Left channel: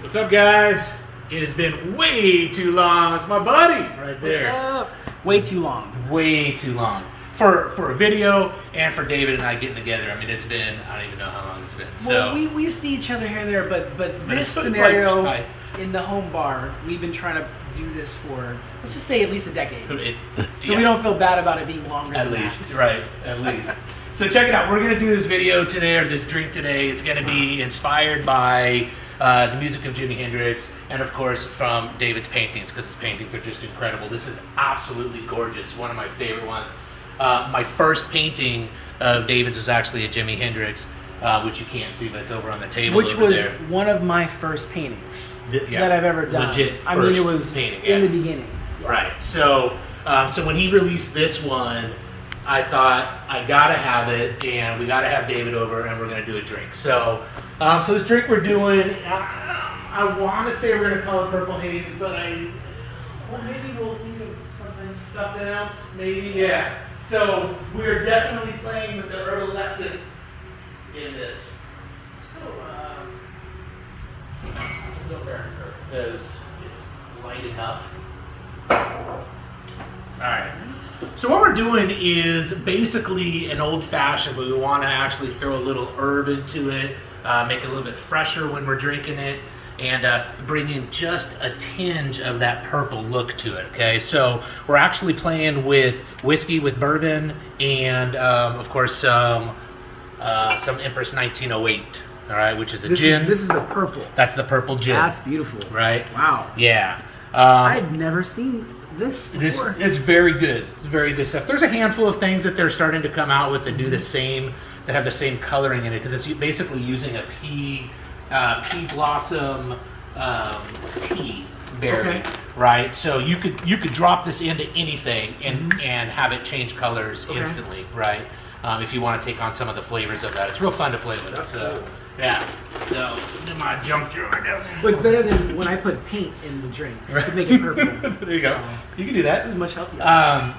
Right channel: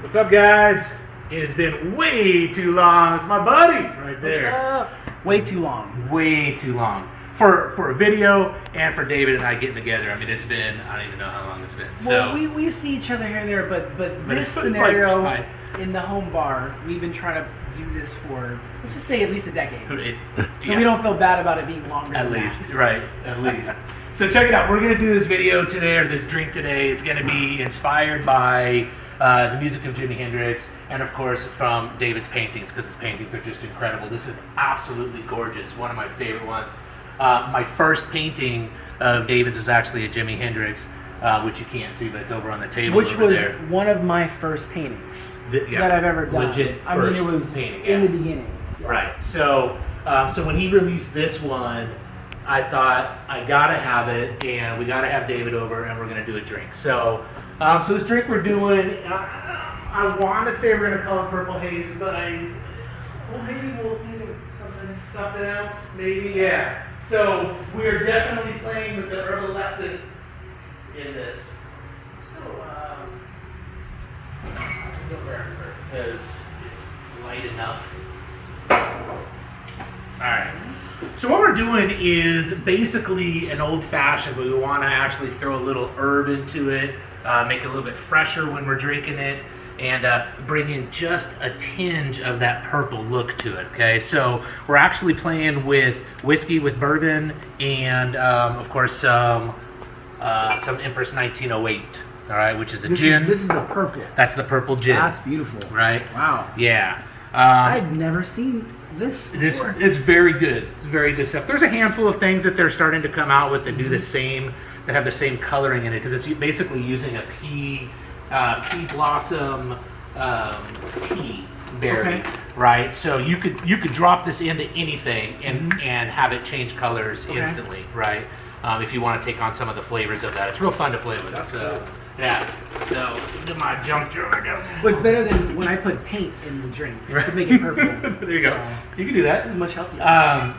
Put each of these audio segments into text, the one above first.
What's up, guys? It has been way too long. It's my buddy right there. What's up? Way too long. Way too long. For a video and for David and I getting together. I mean, it's been, I don't even know how long it's been. Well, we see each other here and there, but this scenario in the home bar, we've been trying to do this for, let's just say at least a decade. So we don't feel bad about it being longer at than least, that. right, at least. So check it out. We're going to do this video today, or this drink today. It's going to be inspired by the music of Jimi Hendrix, and of course from David's paintings, because his paintings are just incredible. This is absolutely gorgeous. One of my favorite ones. My first painting of David's was actually a Jimi Hendrix, which you can't see, but it's over on the table. Which was there. One of my first paintings Yeah, that I've ever done. Legit. I mean, it was painting, in the beginning. Yeah. Right. So, so when he released this one, I thought I gotta have it, and we gotta have David over, and we're gonna do a drink. So, so this drink we're doing, I want to say we're gonna call it Purple Haze, but well, maybe we'll think of something else. Maybe, yeah. So we're definitely playing with the herbaliscent in this. Let's go Bourbon because it's light enough. Alright, so what we're doing is basically an old fashioned, but we want to actually throw a little herb into it, make it a little bit fresher when we're drinking it, and bring in just a tinge of that purple look to it, okay? So we're actually playing with whiskey with bourbon and, of course, some Empress 1908, all right, which is a gin. This is the purple. That's the purple gin. That's beautiful. Right? Wow. Yeah. I've never seen this before. It's very good. It's very good stuff. There's a handful of things that they're starting to come out with that do the same, that have the same coloring in it, because it's basically using a pea blossom tea berry, right? So you could drop this into anything and have it change colors instantly, right? If you want to take on some of the flavors of that, it's real fun to play with. That's cool. Yeah. So do my junk jar. Well, it's better than when I put paint in the drinks to make it purple. There you go. You can do that. It's much healthier.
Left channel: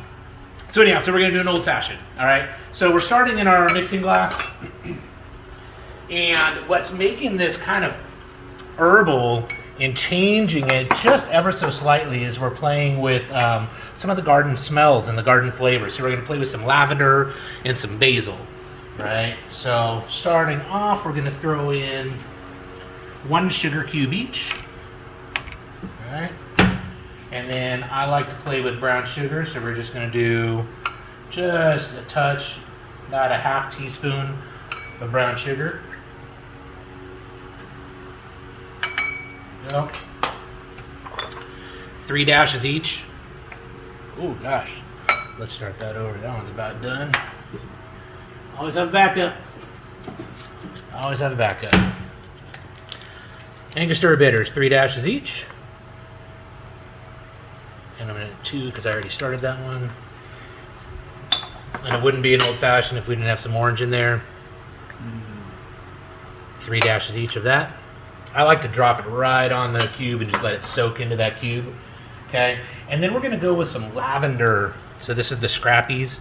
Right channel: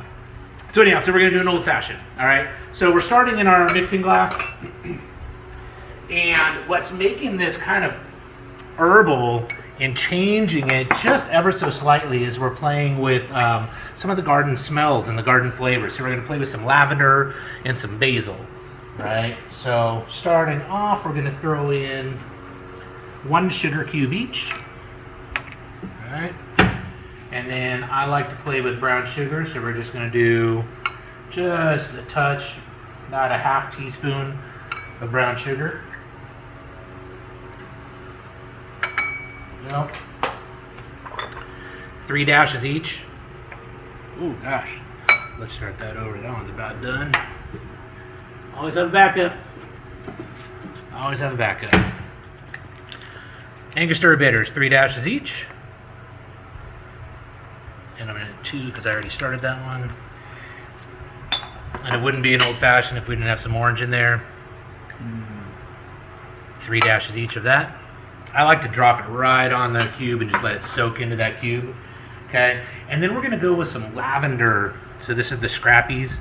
So anyhow, so we're gonna do an old fashioned. All right. So we're starting in our mixing glass, and what's making this kind of herbal and changing it just ever so slightly is we're playing with some of the garden smells and the garden flavors. So we're gonna play with some lavender and some basil. Right, so starting off, we're going to throw in 1 sugar cube each. All right, and then I like to play with brown sugar, so we're just going to do just a touch, about a half teaspoon of brown sugar. There we go. 3 dashes each. Oh gosh, let's start that over. That one's about done. Always have a backup. Always have a backup. Angostura bitters, 3 dashes each. And I'm going to do 2 because I already started that one. And it wouldn't be an old fashioned if we didn't have some orange in there. 3 dashes each of that. I like to drop it right on the cube and just let it soak into that cube. Okay. And then we're going to go with some lavender. So this is the Scrappy's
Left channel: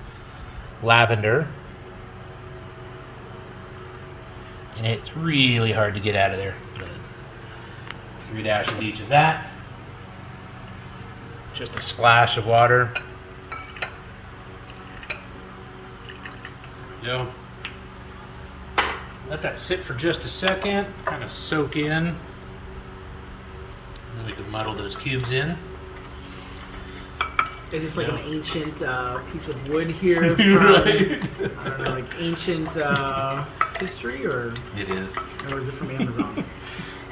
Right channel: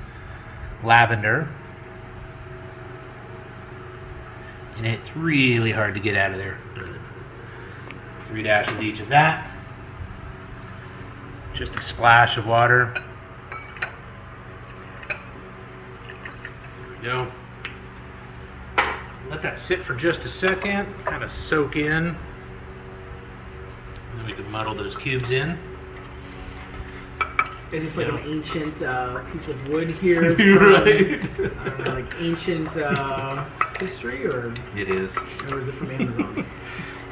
lavender. And it's really hard to get out of there. 3 dashes each of that. Just a splash of water. There you go. Let that sit for just a second, kind of soak in. And then we can muddle those cubes in. Is this like an ancient piece of wood here from, Right. I don't know, like ancient history, or It is. or is it from Amazon?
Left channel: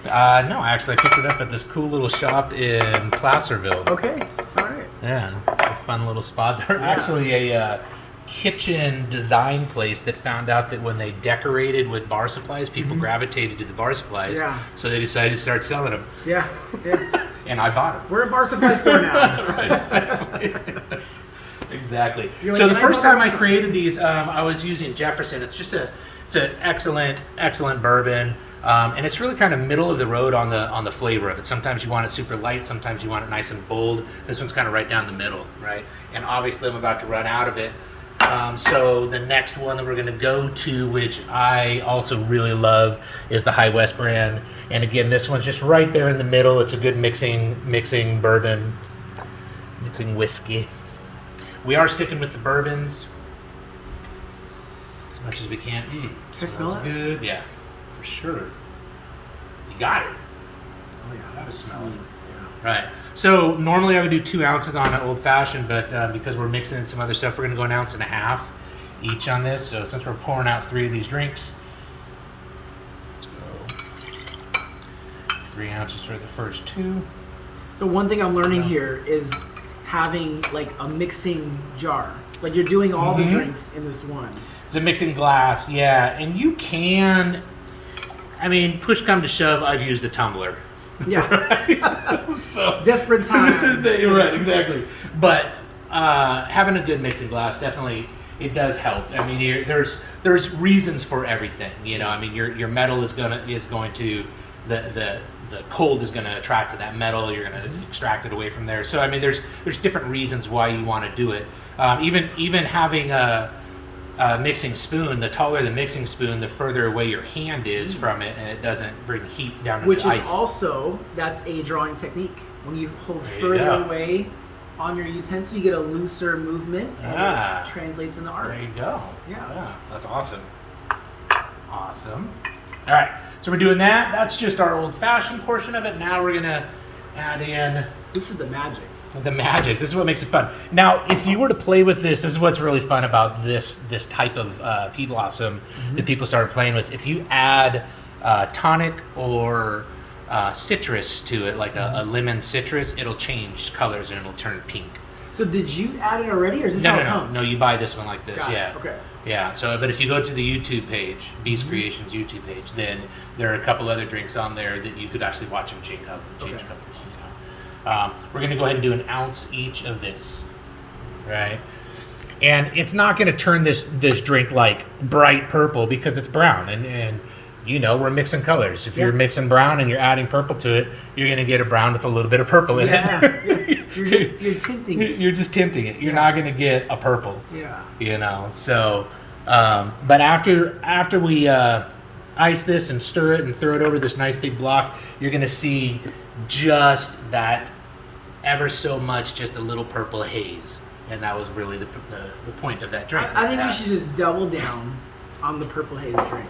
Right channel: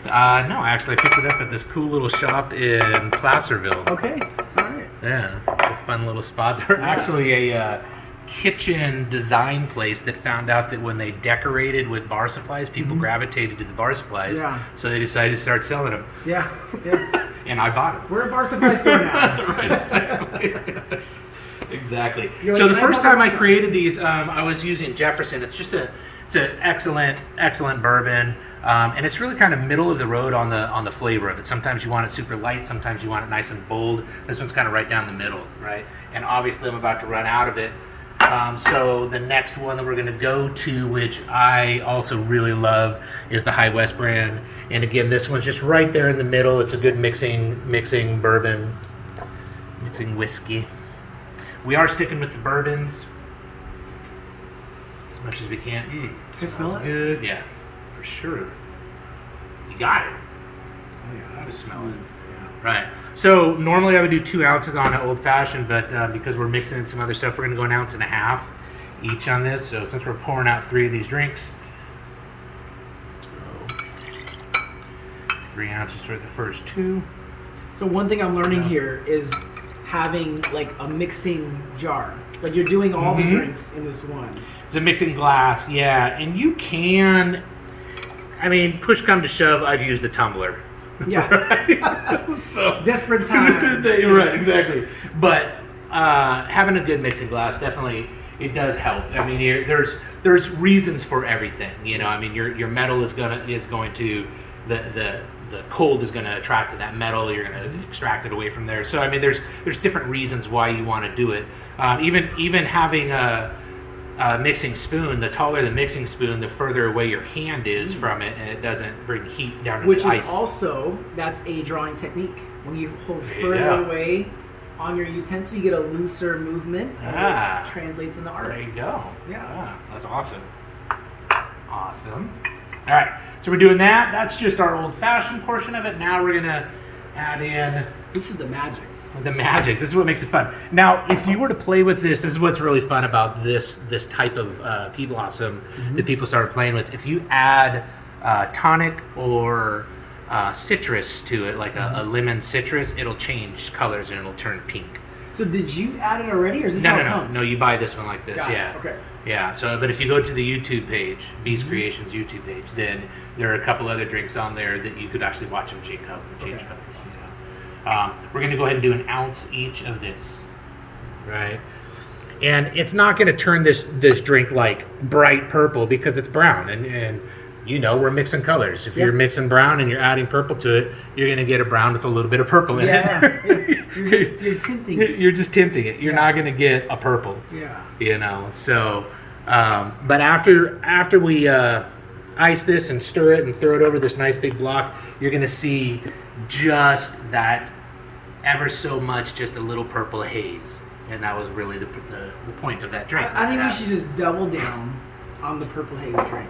No, actually I picked it up at this cool little shop in Placerville. Okay, all right. Yeah, a fun little spot. They're actually a kitchen design place that found out that when they decorated with bar supplies, people gravitated to the bar supplies. Yeah. So they decided to start selling them. Yeah, yeah. And I bought them. We're a bar supply store now. Right, exactly. Exactly. You're So like, the first time I created these, I was using Jefferson. It's an excellent bourbon. And it's really kind of middle of the road on the flavor of it. Sometimes you want it super light, sometimes you want it nice and bold. This one's kind of right down the middle, right? And obviously I'm about to run out of it. So the next one that we're going to go to, which I also really love, is the High West brand. And again, this one's just right there in the middle. It's a good mixing bourbon, mixing whiskey. We are sticking with the bourbons as much as we can. Smells good. Yeah, for sure. You got it. Oh yeah, that smells. Yeah. Right. So normally I would do 2 ounces on an old fashioned, but because we're mixing in some other stuff, we're going to go 1.5 ounces each on this. So since we're pouring out 3 of these drinks, let's go 3 ounces for the first 2. So one thing I'm learning here is having like a mixing jar. Like you're doing all the drinks in this one. It's a mixing glass, yeah. And you can, I mean, push come to shove, I've used a tumbler. Yeah. Right? So desperate times. Right, exactly. But having a good mixing glass definitely it does help. I mean, there's reasons for everything. You know, I mean, your metal is going to the cold is going to attract to that metal. You're going to extract it away from there. So I mean, there's different reasons why you want to do it. Even having a mixing spoon, the taller the mixing spoon, the further away your hand is from it, and it doesn't bring heat down into the ice. Which is also, that's a drawing technique. When you hold further away on your utensil, you get a looser movement, and it translates into art. There you go. Yeah. That's awesome. Awesome. All right, so we're doing that. That's just our old-fashioned portion of it. Now we're gonna add in. This is the magic. The magic. This is what makes it fun. Now, if you were to play with this is what's really fun about this type of pea blossom that people started playing with. If you add tonic or citrus to it, like a lemon citrus, it'll change colors and it'll turn pink. So did you add it already, or is this how it comes? No, you buy this one like this. Got yeah. It. Okay. Yeah. So, but if you go to the YouTube page, Beast Creations YouTube page, then there are a couple other drinks on there that you could actually watch them change colors. You know. We're going to go ahead and do 1 ounce each of this, right? And it's not going to turn this drink like bright purple because it's brown, and you know we're mixing colors. If you're mixing brown and you're adding purple to it, you're going to get a brown with a little bit of purple in it. You're tinting it. You're just tinting it. You're not going to get a purple. Yeah. You know. So, but after we ice this and stir it and throw it over this nice big block, you're going to see just that ever so much, just a little purple haze. And that was really the point of that drink. I think we should just double down on the purple haze drink.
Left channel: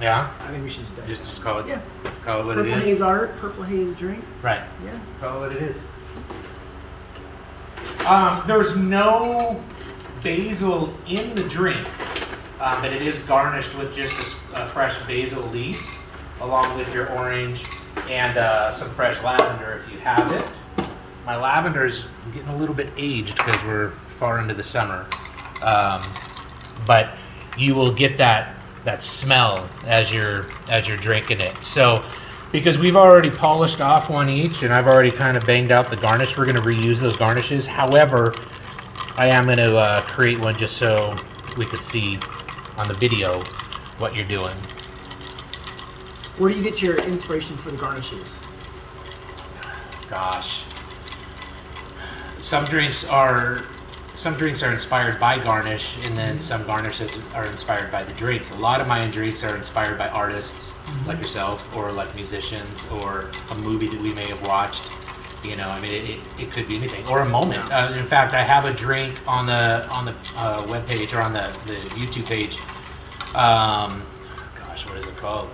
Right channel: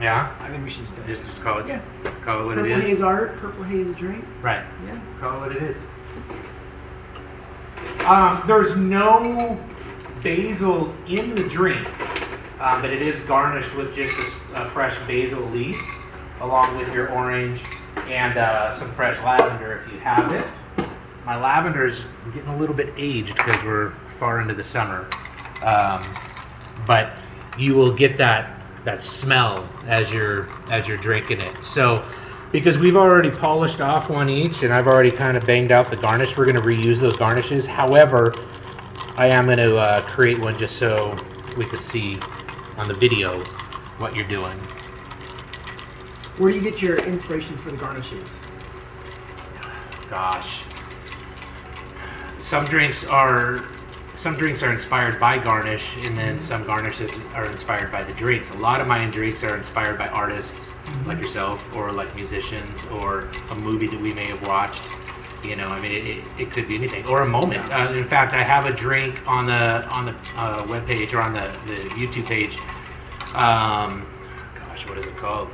Yeah? I think we should just call it, call it what purple it is. Purple haze art, purple haze drink. Right. Yeah. Call it what it is. There's no basil in the drink, but it is garnished with just a fresh basil leaf, along with your orange and some fresh lavender if you have it. My lavender's getting a little bit aged because we're far into the summer, but you will get that smell as you're drinking it. So, because we've already polished off one each, and I've already kind of banged out the garnish, we're going to reuse those garnishes. However, I am going to create one just so we could see on the video what you're doing. Where do you get your inspiration for the garnishes? Gosh. Some drinks are inspired by garnish, and then some garnishes are inspired by the drinks. A lot of my drinks are inspired by artists like yourself, or like musicians, or a movie that we may have watched. You know, I mean, it could be anything, or a moment. In fact, I have a drink on the web page, or on the YouTube page. Gosh, what is it called?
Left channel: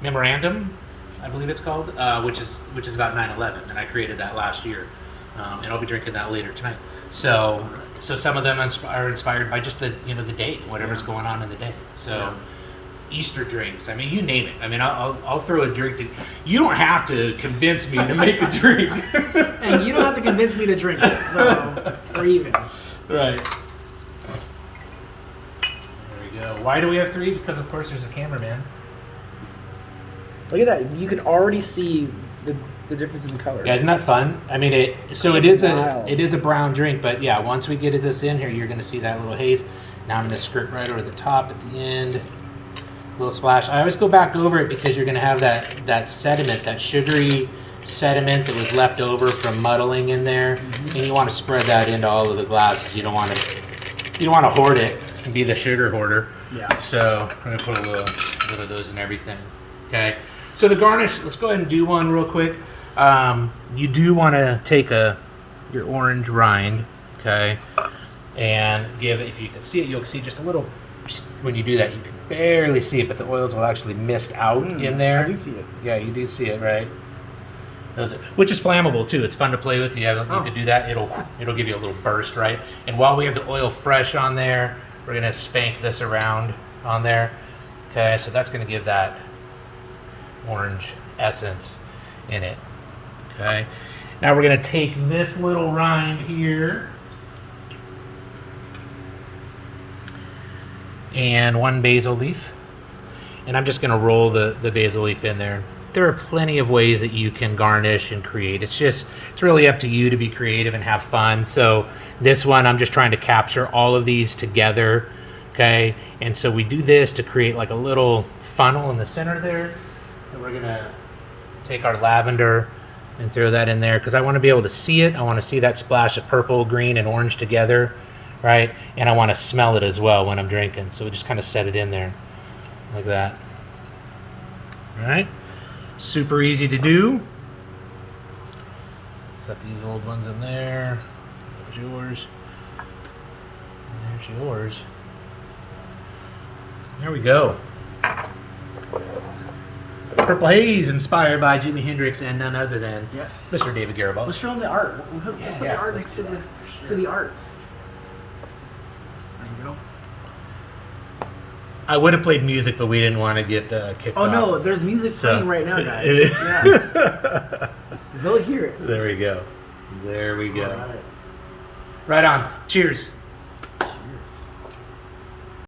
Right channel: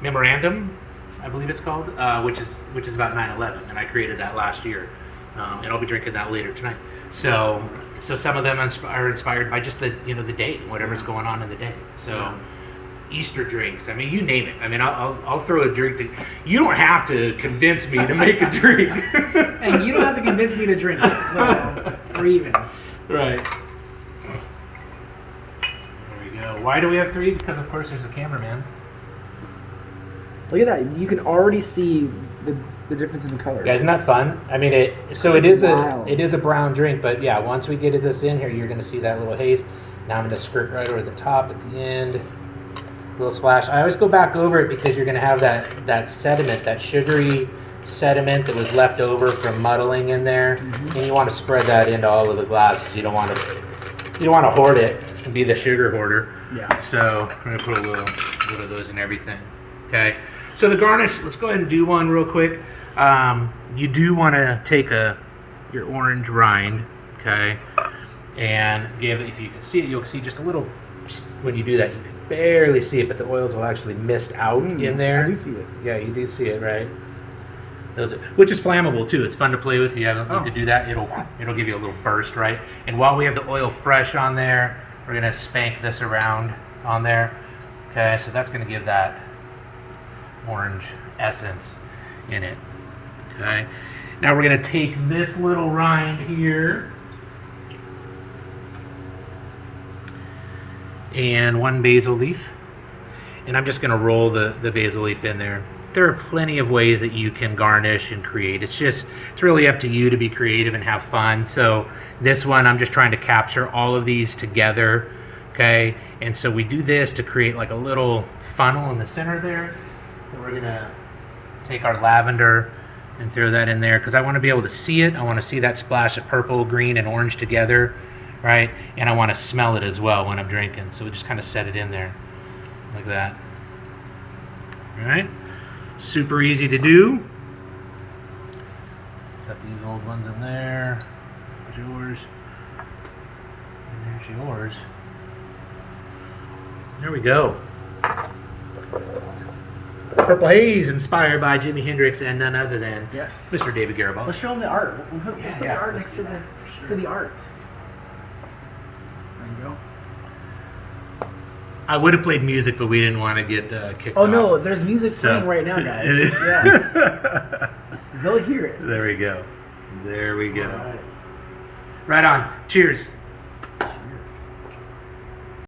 Memorandum, I believe it's called, which is about 9/11, and I created that last year. And I'll be drinking that later tonight. So some of them are inspired by just the day, whatever's going on in the day. So Easter drinks, I mean, you name it. I mean, I'll throw a drink to. You don't have to convince me to make a drink, and you don't have to convince me to drink it. So we're even. Right. There we go. Why do we have 3? Because of course there's a cameraman. Look at that! You can already see the difference in the color. Yeah, isn't that fun? I mean, it is a brown drink, but yeah, once we get this in here, you're going to see that little haze. Now I'm going to skirt right over the top at the end, a little splash. I always go back over it because you're going to have that sediment, that sugary sediment that was left over from muddling in there, and you want to spread that into all of the glasses. You don't want to You don't want to hoard it and be the sugar hoarder. Yeah. So I'm gonna put a little of those in everything. Okay. So the garnish. Let's go ahead and do one real quick. You do want to take your orange rind, okay, and give. If you can see it, you'll see just a little. When you do that, you can barely see it, but the oils will actually mist out in there. I do see it. Yeah, you do see it, right? Which is flammable too. It's fun to play with. You can do that. It'll give you a little burst, right? And while we have the oil fresh on there, we're gonna spank this around on there. Okay, so that's gonna give that orange essence in it. Okay. Now we're gonna take this little rind here and one basil leaf, and I'm just gonna roll the basil leaf in there. There are plenty of ways that you can garnish and create. It's really up to you to be creative and have fun. So this one, I'm just trying to capture all of these together, okay? And so we do this to create like a little funnel in the center there. And we're gonna take our lavender and throw that in there because I wanna be able to see it. I wanna see that splash of purple, green, and orange together, right? And I wanna smell it as well when I'm drinking. So we just kind of set it in there like that, all right? Super easy to do. Set these old ones in there. There's yours. And there's yours. There we go. Purple Haze, inspired by Jimi Hendrix and none other than Mr. David Garibaldi. Let's show them the art. Let's put the art next to the art. There we go. I would have played music, but we didn't want to get kicked off. Oh no, there's music playing right now, guys. Yes. They'll hear it. There we go. There we go. All right. Right on. Cheers. Cheers.